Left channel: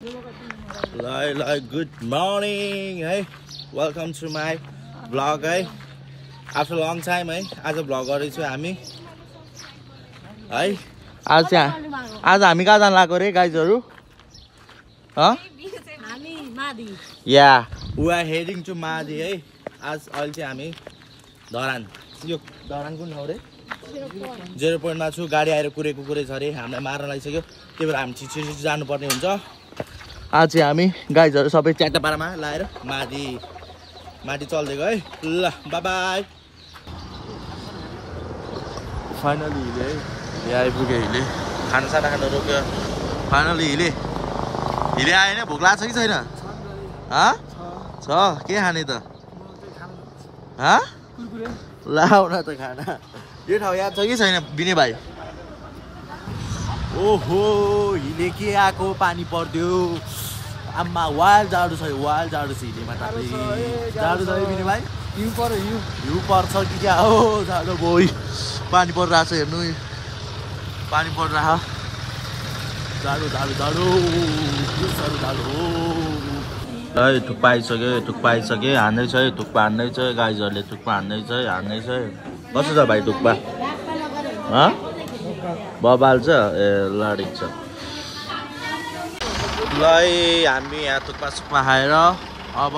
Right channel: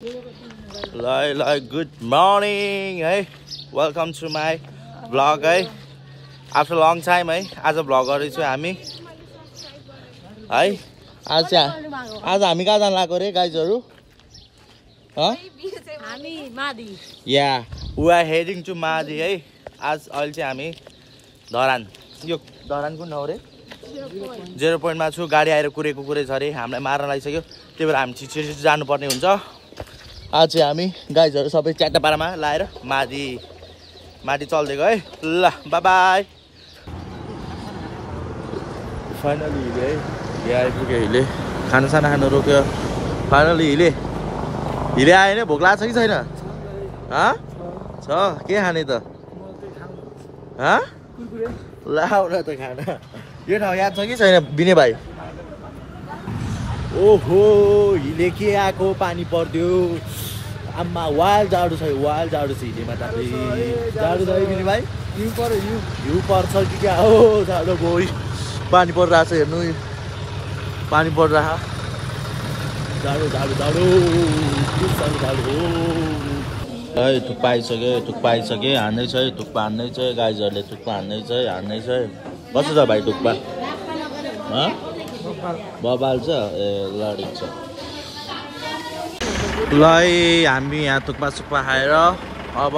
Good morning, hey. Welcome to my vlog, hey. After a long time, hey. आज vlog गरेछु हामी है। आज हामी कहाँ जान लागेको रे गाइजहरु? हामी मादी। Yeah, we are heading to Madi, है। आज अहिले चाहिँ हामी धरान। यो धरान कुन ठाउँ रे? 0 point मा छु। गाडी आएर कुरेको छ रे। हामीलाई मार्न लागिसक्यो। त्यही भएर हामी छिटो जानु पर्ने हुन्छ। आज चाहिँ हामी गाइजहरु सबै च्याटापारामा लाएर मादी चल्दैको है। ल बाइ बाइ। फाइनली हिले आइपुग्यो हिले। खाना खान रोक्यो। फाइनली हिले आयो नि। भोक लाग्छ कि छैन? छ के खाने त? लाउन त खाना। यो ठाउँ याद छ कि छैन बिने भाइ? ओहो हिले के आएको पानी पर्दियो। आम्मा वाइल्ड जाडो छ हिलेमा त। जाडो छ है बिने भाइ? हिउँ पर्छ कि क्या हो? जाडो बोइ पानी परिरहेको छ हेर्नु। पानी परिरहेको जाडो के साह्रो जाडो हो है। थुक्पा आइसक्यो हान्दैछ है। थुक्पा हान्दैछ गाइजहरूले। थुक्पा हान्दैछ। कस्तो छ भाइ थुक्पा? बबाल छ ए लडिक छ। ल हामी यहाँ थुक्पा खाएर अब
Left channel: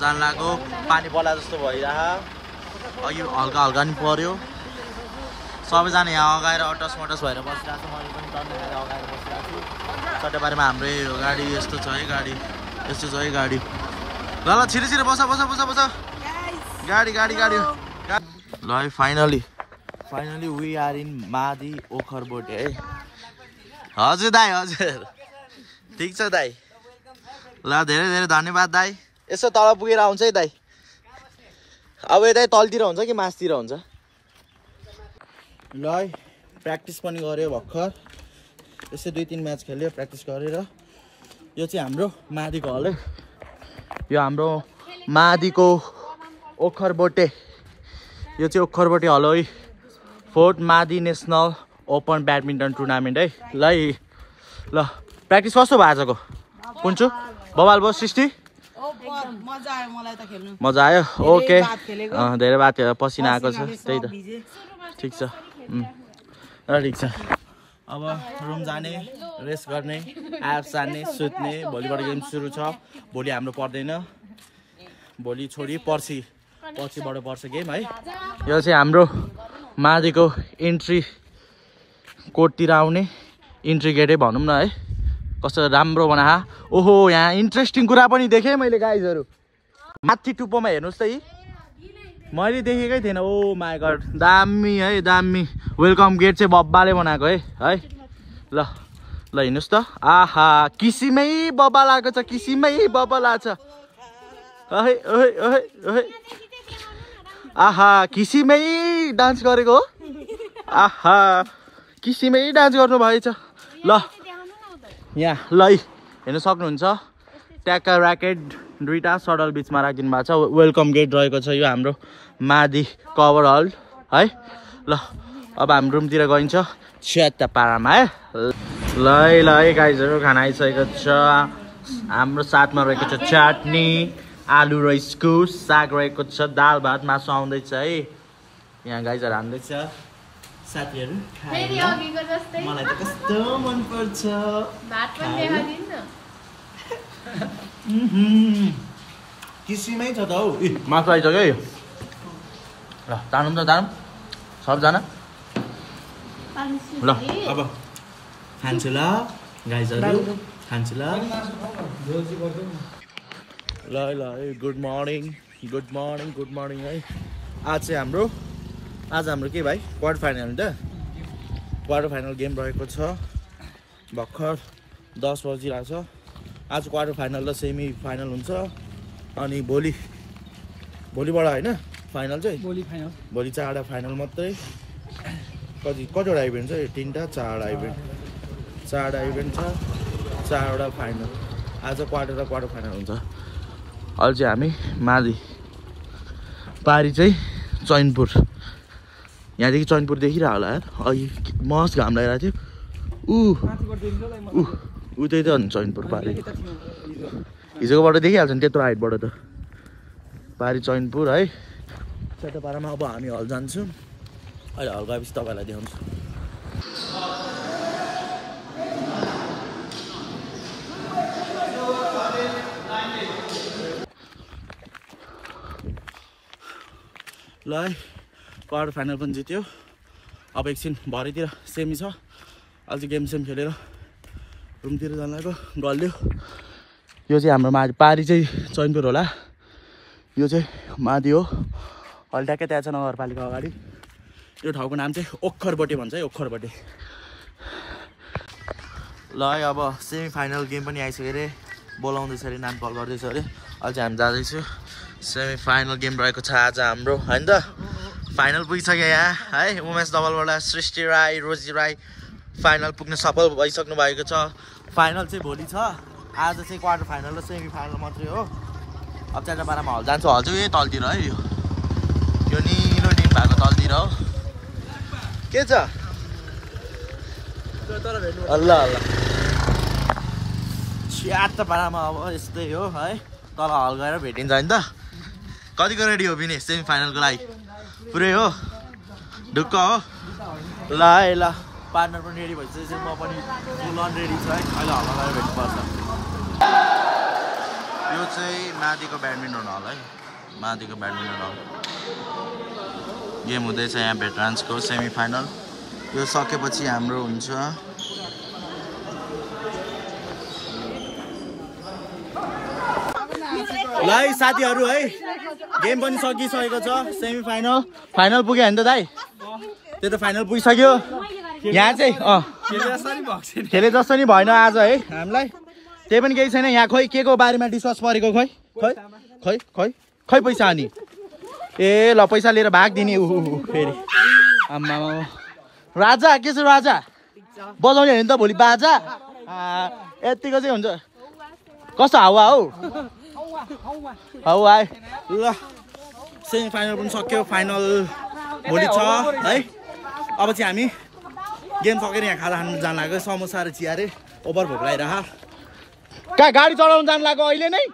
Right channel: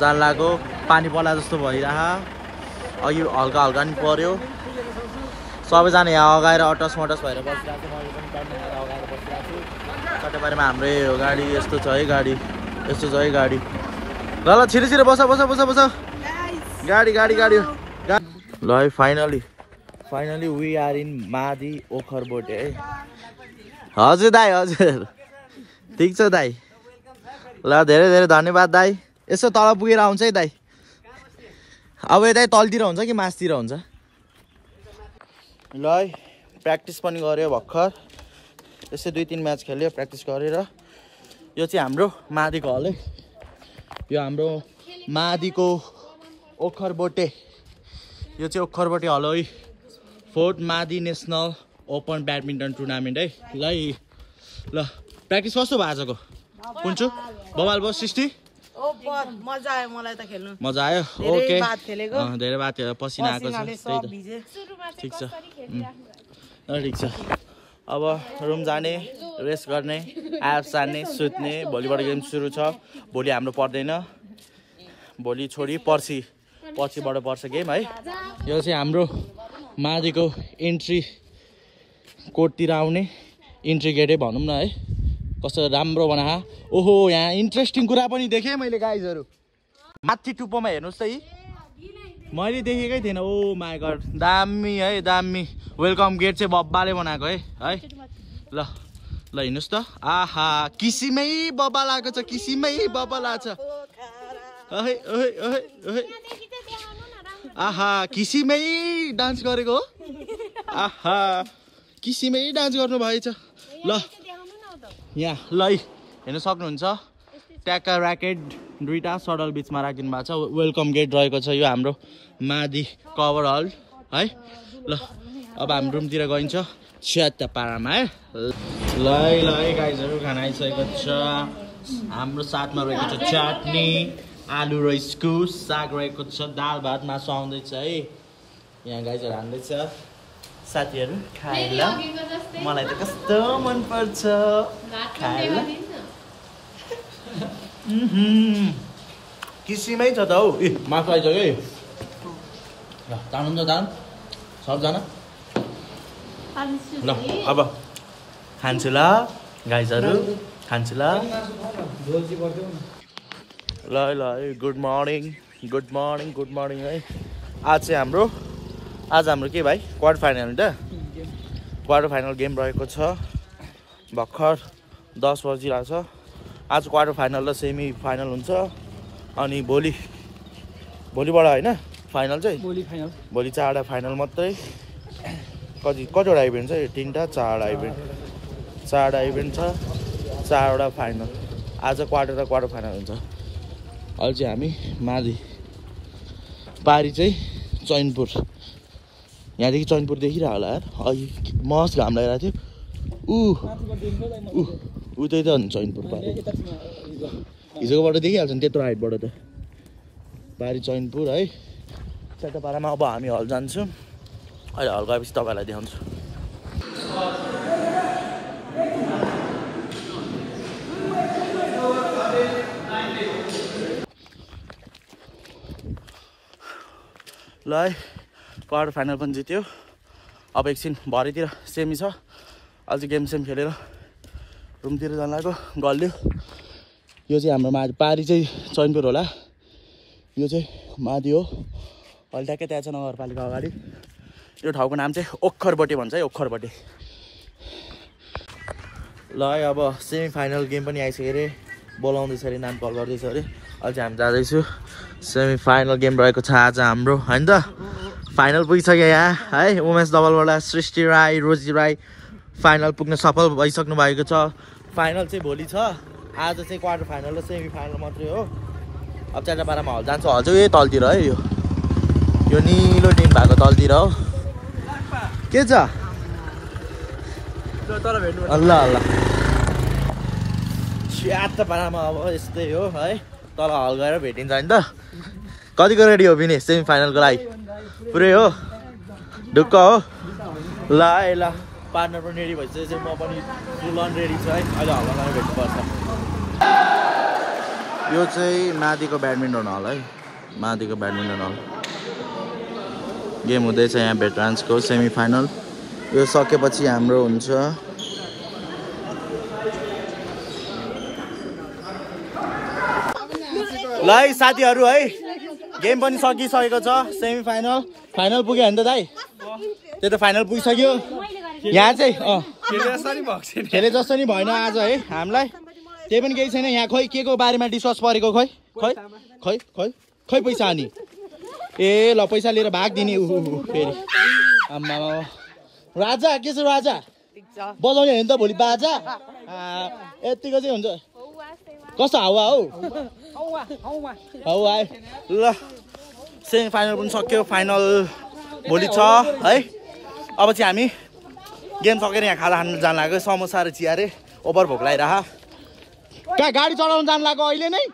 जान लाग्यो। पानी पर्ला जस्तो भइरह। अघि हल्का नि पर्यो। सबैजना यहाँ अगाएर अटस भएर बसिरहेको छ। मैले पनि टन्न खाएर अगाएर बसिरहेको छु। सट्टाबारीमा हाम्रै गाडी यस्तो छ है। गाडी ल छिटो बस गाडी ल है। फाइनली वी आर इन मादी ओखरबोटे है। हजुर दाइ हजुर ठिक छ दाइ। ल धेरै धन्यवाद दाइ। यसो तल पुगेर आउँछ है दाइ। अब दाइ तलतिर हुन्छ कि मासतिर हुन्छ? ल है प्र्याक्टिस पनि गऱ्यो भर्खर। यसो 2-3 म्याच खेल्यो प्र्याक्टिस गरेर। यो चाहिँ हाम्रो मादीको हल है। यो हाम्रो मादीको ओखरबोटे। यो चाहिँ ओखरबोटे हल है। 4th मादी नेसनल ओपन ब्याडमिन्टन टुर्नामेन्ट है। ल प्र्याक्टिस कस्तो भयो आजको? कुन्छु बबाल भयो 60? मजा आयो मलाई त खेल्नु। मजा आयो ओके। धेरै बात पसिना आएको छ त्यही त। ठिक छ ठिक छ। अब रुम जाने रेस्ट गर्ने एप्स जाने सुत्ने। भोलिबाट गेम सुरु छ। भोलि हाम्रो पर्दैन। भोलि छोडी पर्सिबाट पर्छ गेम है। यो चाहिँ हाम्रो मादीको इन्ट्री कोर्टतिर आउने इन्ट्री गेटै भनौँ न है। कस्तो राम्रो बना। ओहो यहाँ इन्ट्रेस्टिङ कुरा पनि देखेँ मैले गाइजहरु। माथि टुप्पोमा हेर्नुहोस् त। मैले देखेकै थिएन। ओ माई गड दामी है दामी। वेलकम गेट चाहिँ बब्बाले बनाएको है। ल हिँड्नुहोस् त। आहा किसिमै बब्बा लागेको छ। आहा किसिमै डान्स गरेको हो। आहा किसिमै डान्स गर्नु भएछ। ल यहाँ ल हेर्नु सक्नुहुन्छ। ट्याक्का ऱ्याकेट 2टा सडल बिचमा राखिदिनु भएको छ। वेलकम गेट रहेको छ यो हाम्रो मादी कभर हल है। ल अब हाम्रो रुमतिर गइन्छ च्याटापारामा है। ल गाइजहरु खाना आइसकेको छ। हाम्रो साथमा रहेको छ चटनी आलु र इस्कुस। साग रहेको छ। दाल भात मासु आउँदैछ है। यहाँ गाइजहरु हान्दैछ। साथीहरु खाएर मलाई त कस्तो मन पर्छ। किसिमै छ त हौ। मासु आइसक्यो है। ल तानौँ सबजना। ल अब खान्छु ल गाइजहरु खान्छु ल। ल गुड मर्निङ है। आज हाम्रो के भाइ क्वार्टर फाइनल त? क्वार्टर फाइनल गेम रहेको छ। भर्खर 10 बजिरहेको छ। आज क्वार्टर फाइनल र सेमी फाइनल हुन्छ। अनि भोलिबाट होइन फाइनल चाहिँ? भोलि 4वटा फाइनल मात्रै। कतिवटा इभेन्ट छ? 3टा 4वटा इभेन्ट। 4वटा इभेन्ट छ 4वटा फाइनल। आज क्वार्टर फाइनल हुन्छ। अहिले चाहिँ हामी मादी पारी चाहिँ चैनपुर। यहाँदेखि चैनपुर देखिरह होला यार। अघि मस्त घाम लागिरहेको थियो। उतै त हुन्छ चैनपुर पारी हिजोकोबाट देखिहाल्छ नि त्यत्रो हाइटबाट त पारी चैनपुर है सेटोपारामा अब हामी हल जान्छौँ अहिले हल गएपछि तपाईँलाई देखाउँछु ल है क्वार्टर फाइनल पनि जित्यो अब एकछिन भरेतिर सेमी छ अझै गेम सेम खेलेर रुमतिर जान लाग्यो गल्यो यो चाहिँ हाम्रो माथि पारी चाहिँ चैनपुर होला यो चाहिँ माथि हो अहिले ट्याक्कै त्यहाँ छ नगरपालिका अगाडि यो ठाउँको नाम चाहिँ ओखरबोटे भन्छ है ओखरबोटे ल है अब सेमी फाइनल गेम पनि आइसक्यो अरे बोलाउँदैछ अरे नाम कल गर्दैछ अरे अझै हामी जाँदैछु सेमी फाइनल गेम रहेको छ आज हाम्रो होइन त फाइनल पुगिसक्यो यहाँ है वुमेन्स डबलबाट सृष्टि राई रोजी राई फाइनल पुग्न सफल भइसक्नु भएको छ फाइनल चाहिँ भोलि छ आज चाहिँ क्वार्टर फाइनल र सेमी फाइनल मात्रै हो अब चारपारामा हल जान्छ हल चाहिँ यही तलतिर है यो निलो टिम भएको तलतिर हो के छ ल ल चारपारामा अब यस्तै हो है तल हल गएर भेटिन्छ नि त कतिको रेडी हो पनि सेमी फाइनलको लागि पुरै हो ढुक्क हो ल है ल पार्टनर पनि रेडी भइसकेपछि म पनि फुल अन रेडी छु है अहिले हलमा गएर भेट्नुपर्छ यो चाहिँ माथिको ब्याडमिन्टन हल है माथिको ब्याडमिन्टन हल गेम हुँदैछ यहाँ भेटरान्सको सेमी फाइनल यो सकेपछि हाम्रो हुन्छ ल है साथीहरू है गेम पनि सकिसकेको छ सेमी फाइनल फाइनल पुग्यो भने त दाइ त्यो त फाइनल पुगिसक्यो यहाँ चाहिँ खेले जस्तो नि भएन आज है हामीलाई त्यही पनि केही छैन यहाँ खोइ के को बारेमा डिस्कस परेको खै खै खै खै खै पैसा अनि ए ल पैसा लिएर भाग दिने फेरि आम्मा राजा के छ राजा बजाउने हो नि त भोलि बाजा यतिको चाहिँ हुन्छ कस्तो हावा हौ हावा ल सेमी फाइनल पनि सक्यो फाइनल भोलि छ है अब चाहिँ हामी गेम सकेर यहाँ खाजा खानु जान लाग्यो समोसा र चिया रे ओभर भोक लागिरह कहाँ गाडी चलाउनु जानु लाग्यो अहिले नै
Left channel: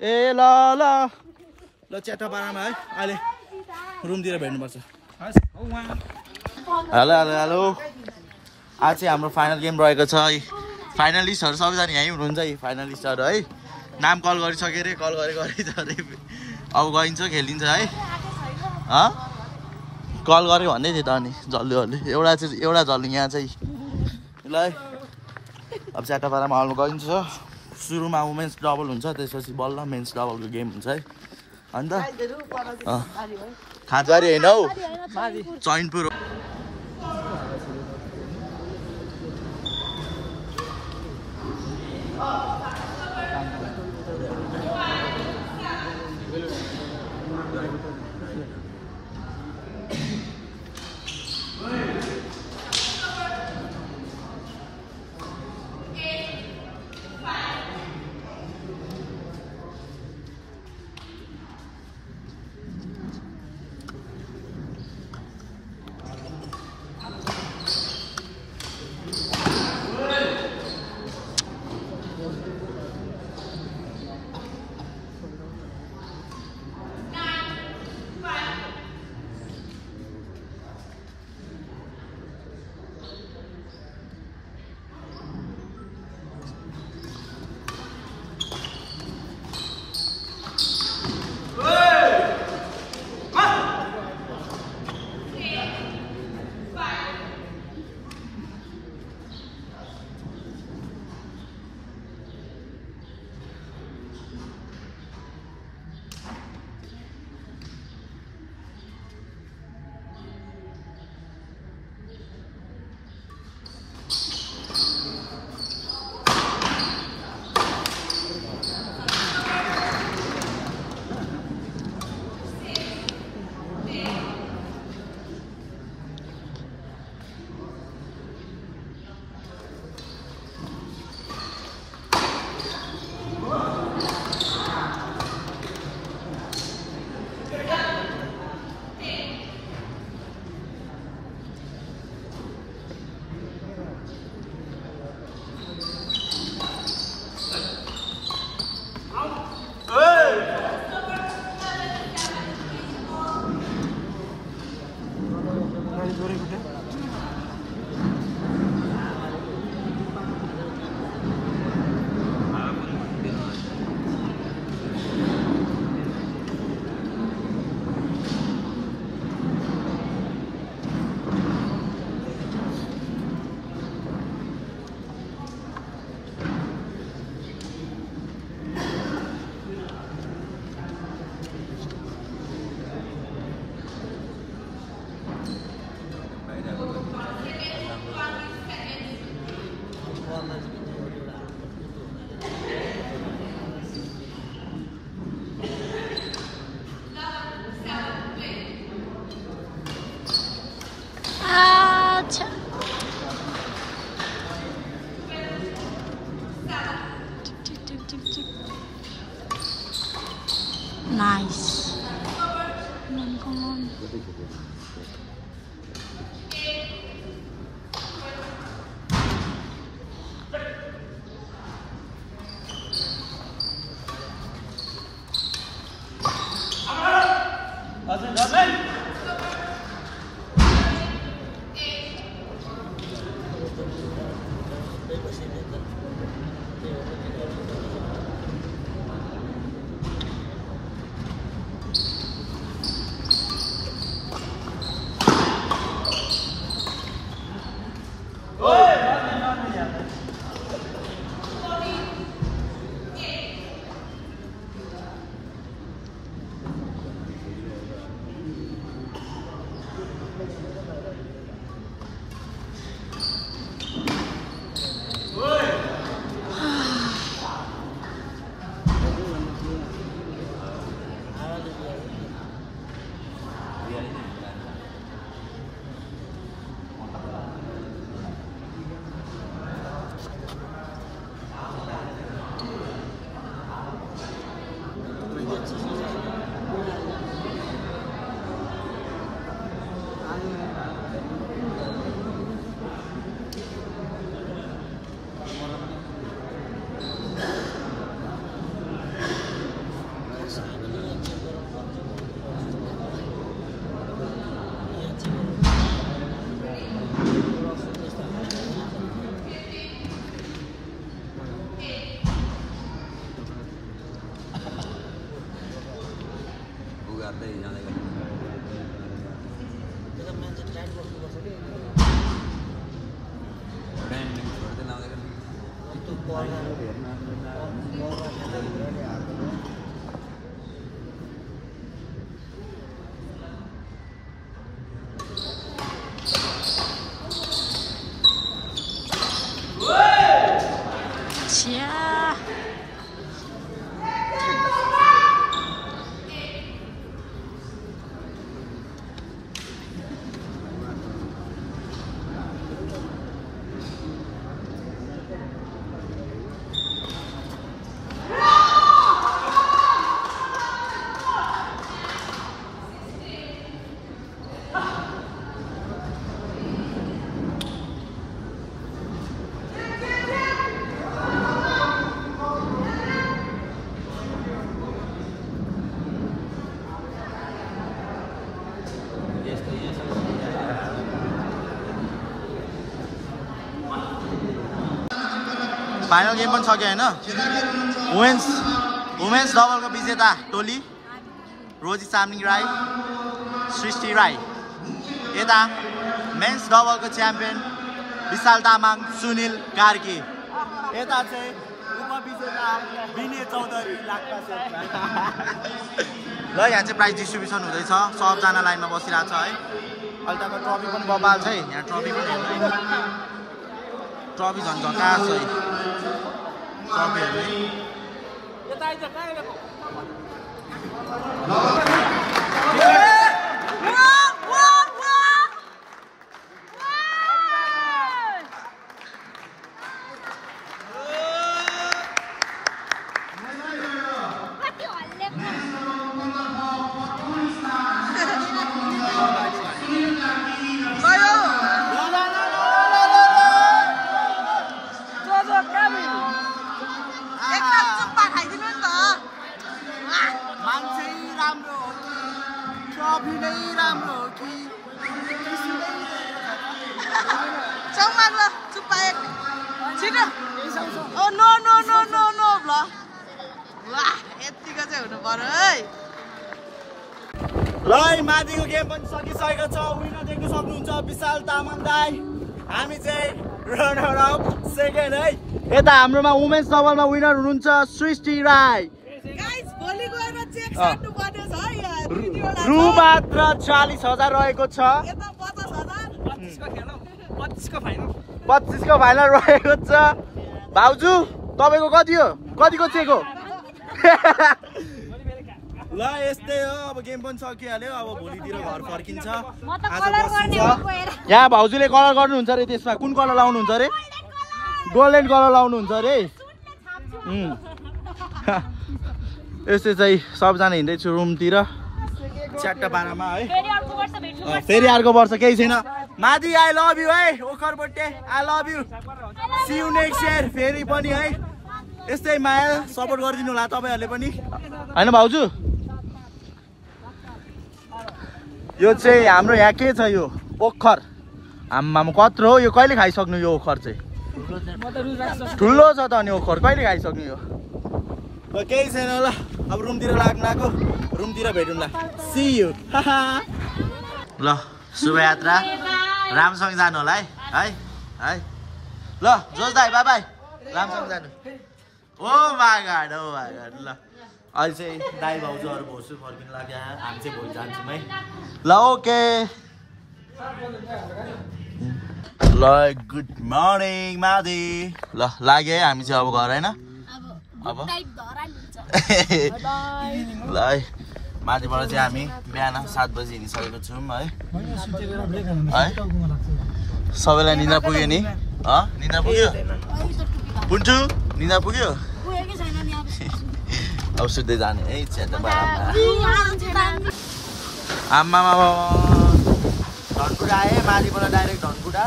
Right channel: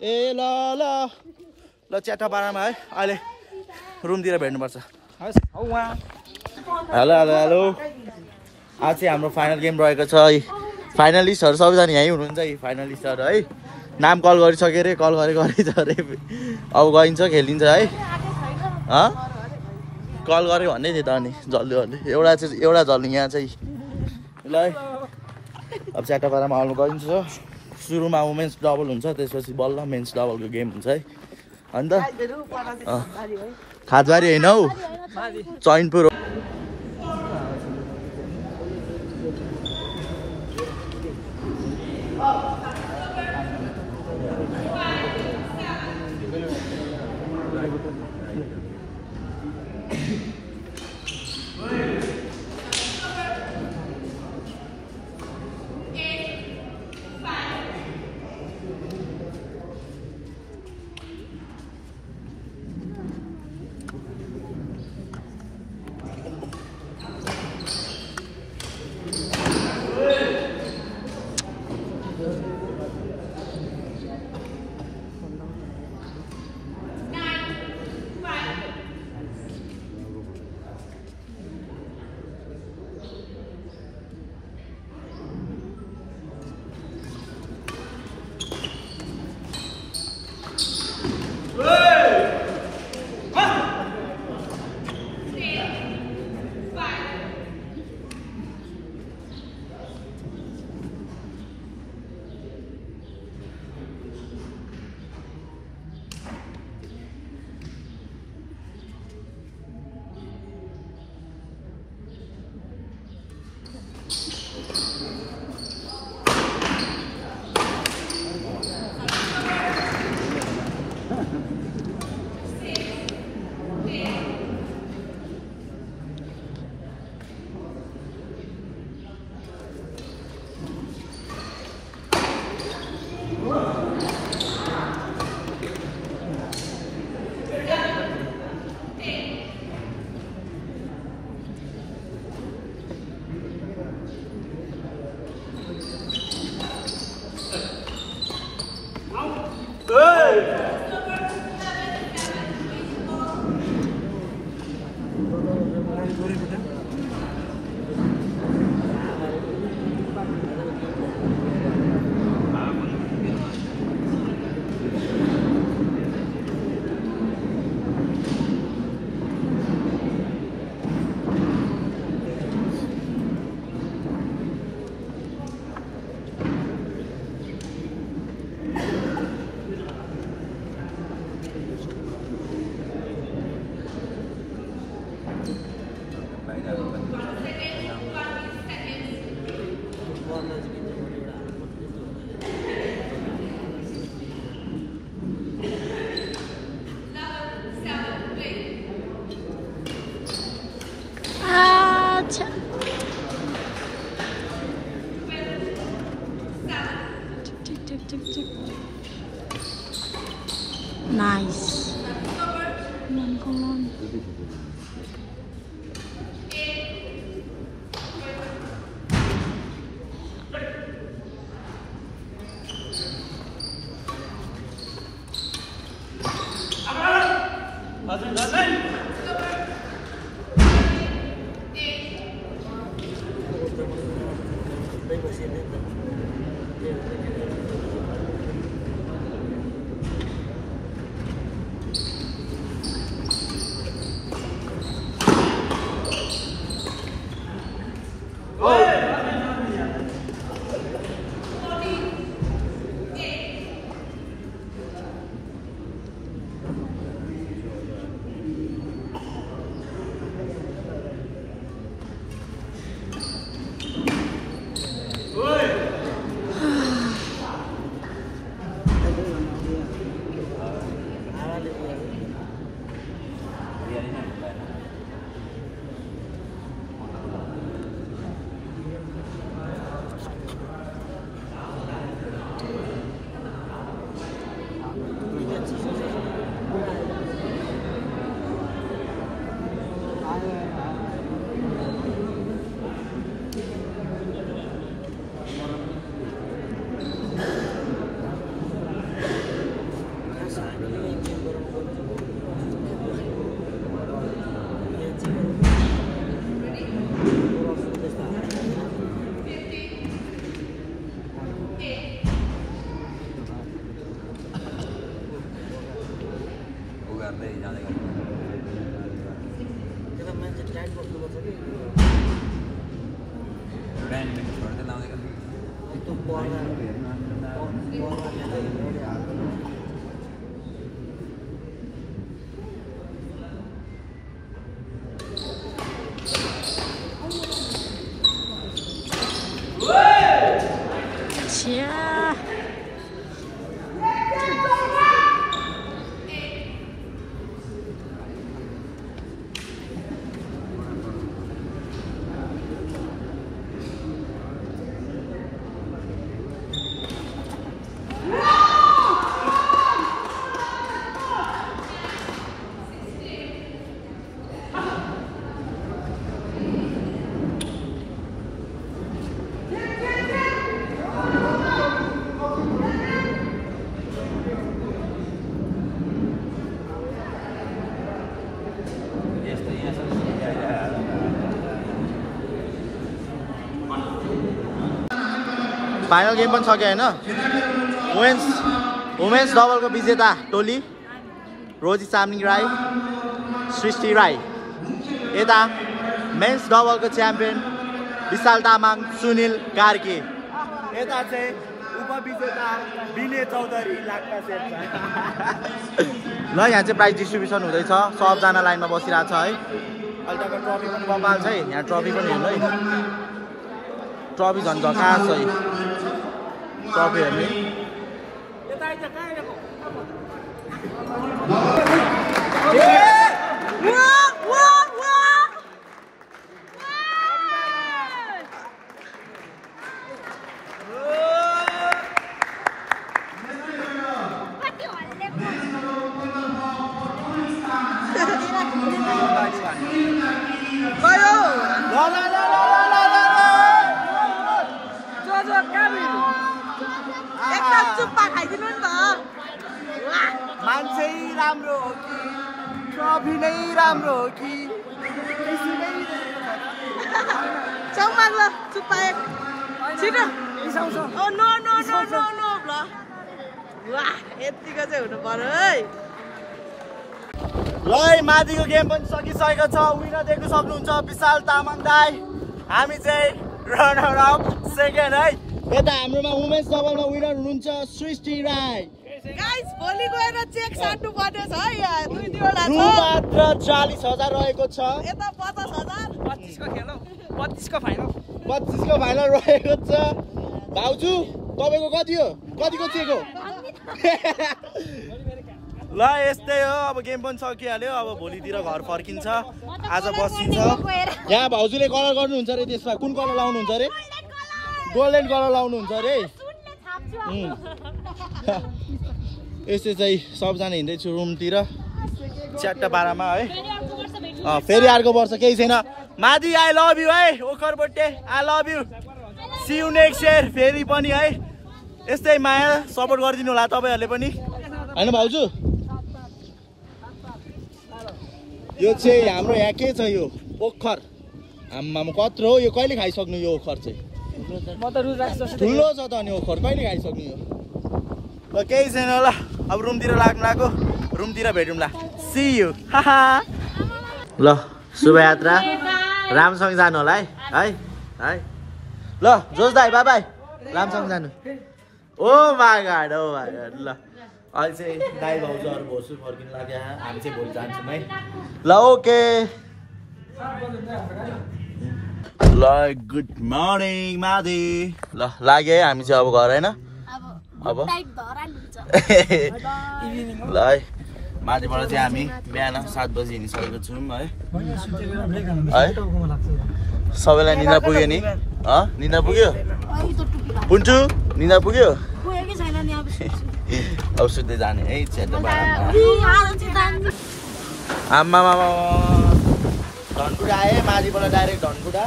ए ल ल ल च्याटापाडामा है अहिले रुमतिर भेट्नुपर्छ हेलो हेलो हेलो आज चाहिँ हाम्रो फाइनल गेम रहेको छ है फाइनलिस्टहरू सबैजना यहीँ हुनुहुन्छ है फाइनलिस्टहरू है नाम कल गरिसक्यो अरे कल गरेछ अरे अब गइन्छ खेलिन्छ है कल गरेको भन्दै थियो त अनि जल्दी जल्दी एउटा जल्दी यहाँ चाहिँ ल है अब च्याटापाडामा हलमा गइन्छ सुरुमा वुमेन्स डबल हुन्छ त्यसपछि बल्ल मेन्स डबलको गेम हुन्छ है अन्त खाजबारी होइन हौ चैनपुर हो Nice. Come on. Yeah. Final game पनि सक्यो हैन वुमेन्स डबलको विजेता टोली रोजी चामलिङ राई सृष्टि राई यता मेन्स डबलको च्याम्पियन विशाल तामाङ सुनिल कार्की यता चाहिँ उपविजेता विनय चौधरी लाक्पा शेर्पा ल यहाँ चाहिँ प्राइज डिस्ट्रिब्युसन हुँदैछ सबजना लाइनमा बसिरहेको छ है अहिलेको ट्रफी पनि बबाल छ है यहाँ ट्रफी पनि हेर्नु है ट्रफी झन् झकास है ट्रफी हेर्नु मान्छे राम्रो हो कि ट्रफी नै राम्रो हो कि चौमाग ल चुप्पा एक छिटो oh no no no no no ल वाह यतिको चाहिँ हुनु पर्यो है ल माथिको गेम पनि सकिसकेको छ विनर देख्न सक्नुहुन्छ विशाल तामाङ दाइ हामी चाहिँ रनर अप सेकेन्ड है यता हाम्रोमा वुमेन्स डबलमा विनर हुनुहुन्छ सृष्टि राई गाइस भोलि गएर चेक साट्नु पर्ने छ यार रु मात्र 40,000 रहेको छ यता 50,000 25 को फाइनल रहेको छ भाउजू तपाईको कति हो कतिको चेक हो ल यस्तै हो अब गेम पनि सकिहाल्यो अब भोलितिर घर फर्किन्छ आज बसिन्छ यहाँ भाउजूले कलर गर्नुहुन्छ रे त्यसमा कुन कलर लाउनुहुन्छ रे गोल्डन कलर लाउनुहुन्छ रे यस्तै चाहिँ सबजना हिँड्दैछु रुमतिर 4:12 है फेरि अर्को वर्ष केही छैन मादी आई लभ यु है ओखरबोटे I love you see you next year फेरि पनि है यस्तै माया सपोर्ट गरिदिनु होला तपाईहरुले पनि हैन भाउजू यो चाहिँ हाम्रो यहाँ के छ यो ओखर आम्मामा कत्रो हो यो कहिले खाइसक्नु यो ओखर चाहिँ ठुलो छ त अनि ओखर कहिले खाइसक्नु यो ल केही छैन ल अब रुमतिर लाग्नु लाग्यो रुमतिर भेटौँला सी यु ल शुभयात्रा रामसँग जानु होला है ल जोस दाइ बाई बाई रामसँग जानु ओ माय गॉड ल अहिले चाहिँ दाइ भाउजूहरू भोसु फर्किनु लाग्यो हामी चाहिँ भोलि जान्छौँ है ल ओके ल गुड मर्निङ मादी ल लाग्यो है हामी चाहिँ अब घर होइन अब ल है माथिबाट चाहिँ हामी बिहान 7 बजी हिँडिसकेको छौँ है सबैलाई निद्रा पुग्यो नि निद्रा पुग्यो पुन्टु निद्रा पुग्यो अब सुत्दै जाने है आम्मामा धनकुटा आएँ माथिबाट डाइरेक्ट धनकुटा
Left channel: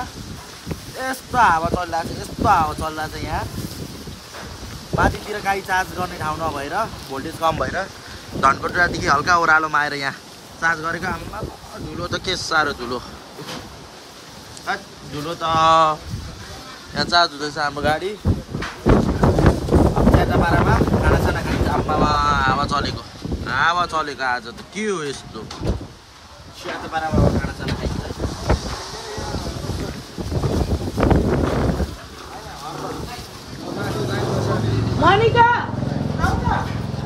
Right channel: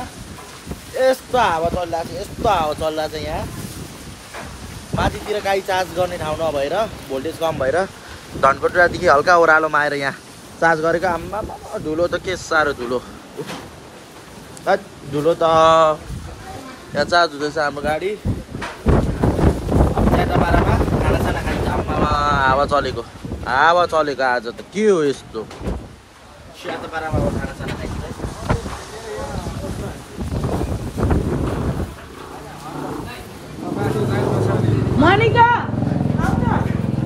यस्तो हावा चलिरहेको छ यस्तो हावा चलिरहेको छ यहाँ माथितिर गाडी चार्ज गर्ने ठाउँ नभएर भोल्टेज कम भएर धनकुटादेखि हल्का ओह्रालोमा आएर यहाँ चार्ज गरेको आम्मा धुलो त के साह्रो धुलो धुलो त यहाँ चार्ज हुँदैछ हाम्रो गाडी अब च्याटापाडामा खानासाना खाइन्छ आम्मामा हावा चलेको आज त के हो यस्तो च्याटापाडामा खानासाना खाइन्छ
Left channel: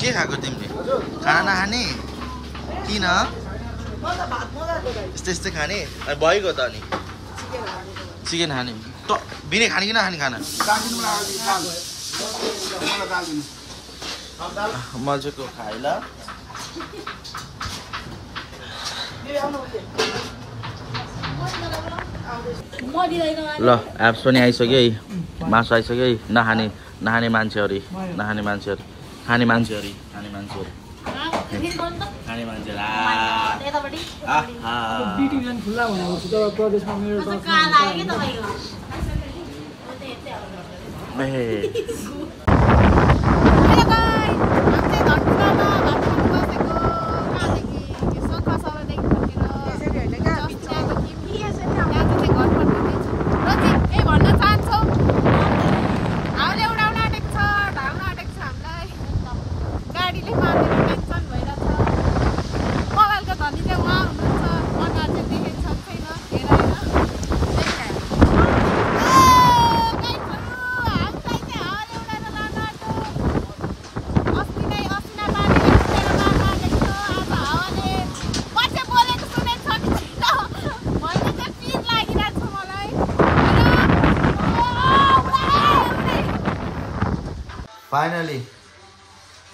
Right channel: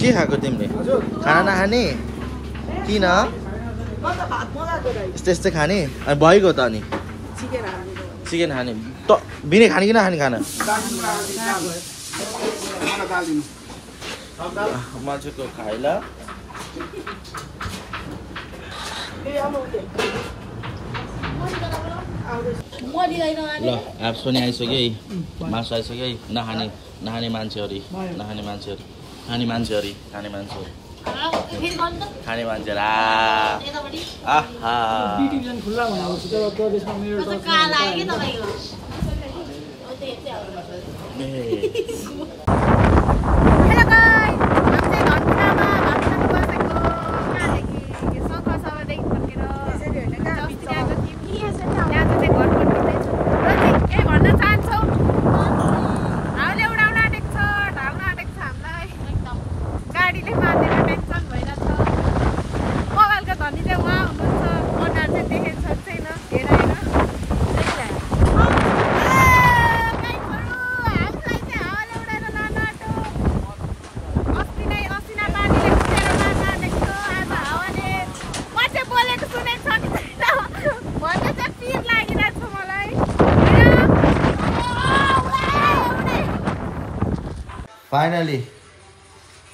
के खाएको तिमीले खाना नखाने किन यस्तै खाने अनि भइगयो त अनि चिकन खाने त बिने खाने कि नखाने खाना मजाको खाइ ल ल एप्स पनि आइसक्यो है मासु आइसक्यो है नखाने मान्छेहरू खाने मान्छेहरू खाने मान्छेहरू फाइनली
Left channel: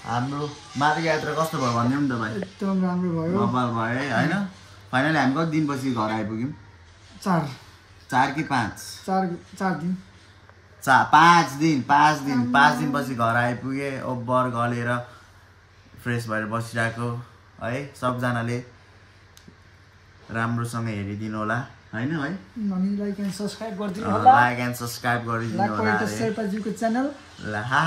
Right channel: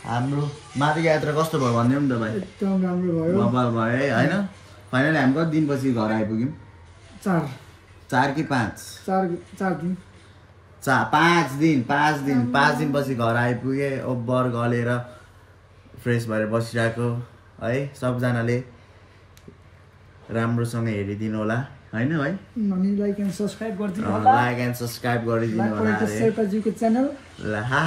हाम्रो माथिको यात्रा कस्तो भयो भन्ने नि त भाइ एकदम राम्रो भयो बबाल भयो है हैन फाइनली हामी कति दिनपछि घर आइपुग्यौँ 4 कि 5 दिन 5 दिनपछि घर आइपुगे ओभर गलेर फ्रेस भएर बसिरहेको है सबजनाले राम्रोसँग हेरिदिनु होला हैन है अनि लाइक एन्ड सब्स्क्राइब गरिदिनु होला च्यानल ल हा